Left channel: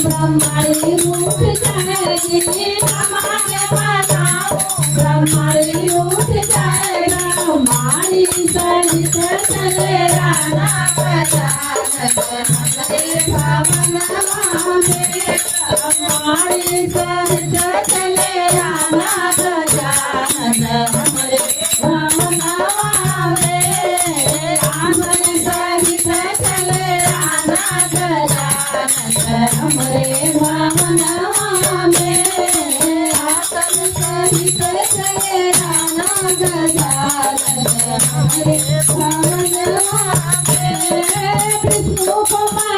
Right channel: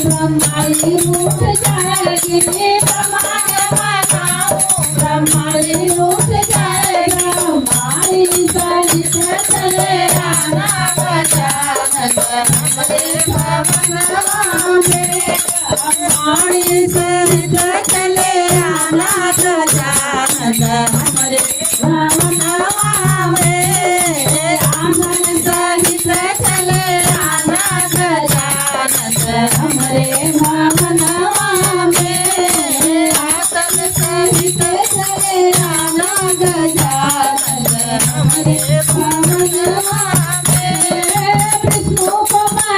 ब्रह्माणी उठ जाएगी ब्रह्माणी उठ जाएगी ब्रह्माणी सहित चले आना गजानन हमारे भवनवा में ब्रह्माणी